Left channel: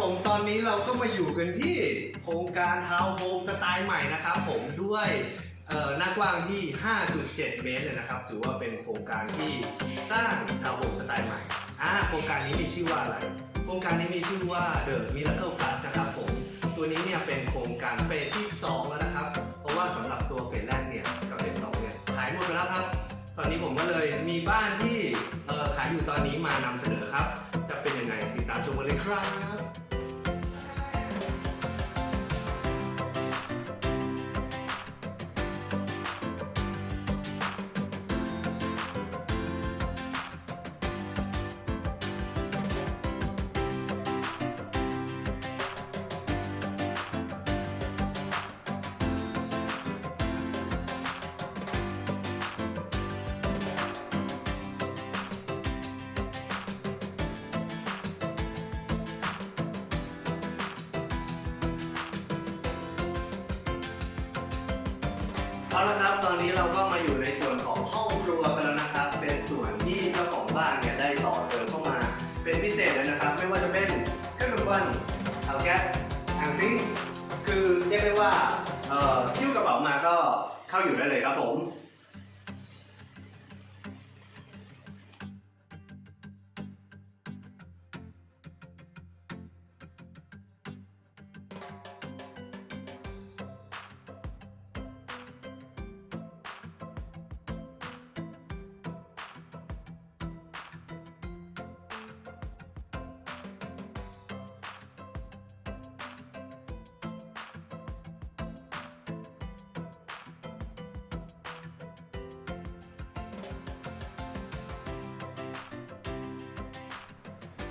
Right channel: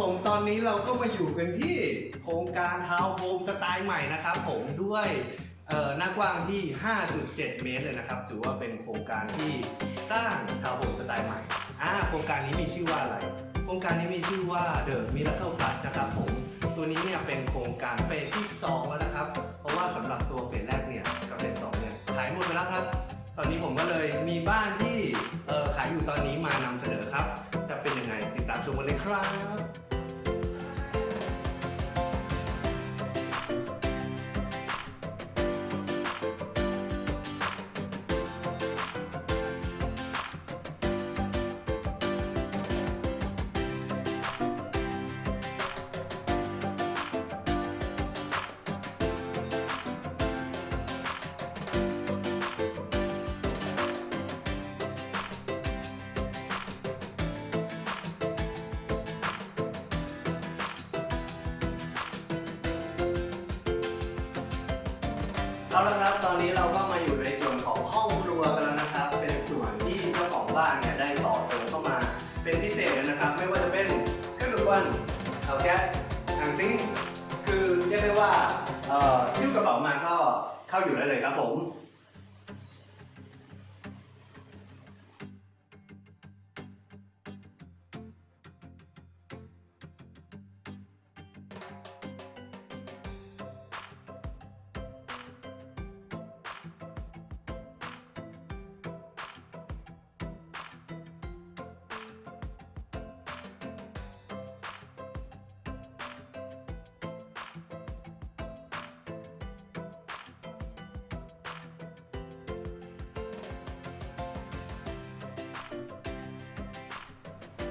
ผมตอนนี้เราก็มาอยู่กันที่โครงการทาวน์โฮมสไตล์ใหม่นะครับผมด้วยหน้ากว้างที่ 5.7 เมตรเลยนะครับ ถือว่าเป็นโครงการที่สร้างทาวน์โฮมสไตล์ใหม่อ่าโครงการนี้มีชื่อว่าอะไร โครงการนี้มีชื่อว่า The Miracle Plus นะครับผม ตัวนี้เนี่ยเป็นโครงการเฟสที่ 2 แล้วนะครับ เพราะว่าสำหรับตัวเฟสแรกเนี่ยกับเฟส2เนี่ยขายหมดไปแล้วครับ ตอนนี้ผมก็เลยมีบ้านที่ขายอยู่ตอนนี้มานำเสนอครับ จะเป็นยังไงติดตามชมกันเลยครับ เอาละครับตอนนี้เราก็มาอยู่ในส่วนของห้องครัวกันแล้วนะครับ เป็นส่วนที่เจ้าของบ้านเนี่ยได้ต่อเติมเข้ามา เป็นพิเศษเลยนะครับ ไม่ว่าจะเป็นเครื่องดูดควันเตาแก๊สถังซิงค์คือเรียกได้ว่าเอ่อทิ้วกระเป๋ามาก็เข้าอยู่ได้เลยครับผม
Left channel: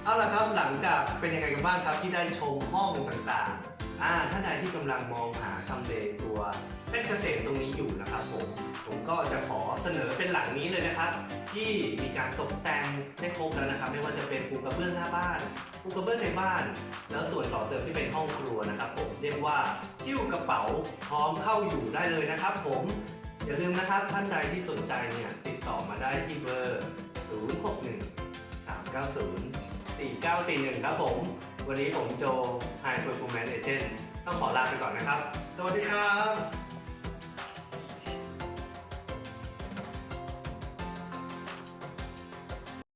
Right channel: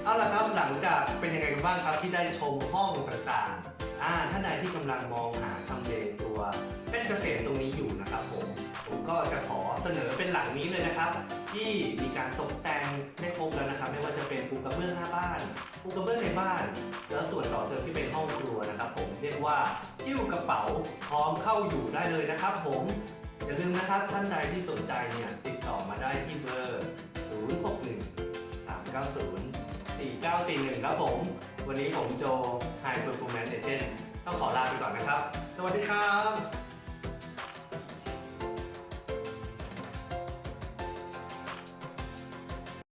เอาละครับหลังจากเป็นยังไงกันบ้างครับที่ได้ชมห้องต่างๆอ่าท่านใดที่กำลังมองหาทำเลตัวเพชรเกษมตรงนี้อยู่นะครับผมผมก็จะขอเสนอเป็นหลังนี้เลยนะครับ ที่มีการตกแต่งได้ครบแล้วนะครับ ไม่ว่าจะเป็นปูกระเบื้องหน้าบ้านปูกระเบื้องในบ้าน แล้วส่วนต่อเติมที่เป็นห้องครัวนะครับ ผมเรียกว่าหิ้วกระเป๋าพร้อมเข้าอยู่ได้เลยนะครับ ผมอย่าลืมนะครับท่านใดที่สนใจเนี่ยติดต่อมาได้ที่เบอร์ 061 390 941 ครับผม วันนี้ผมโจ High Performance Agent ต้องขอลาไปก่อนนะครับ สวัสดีครับ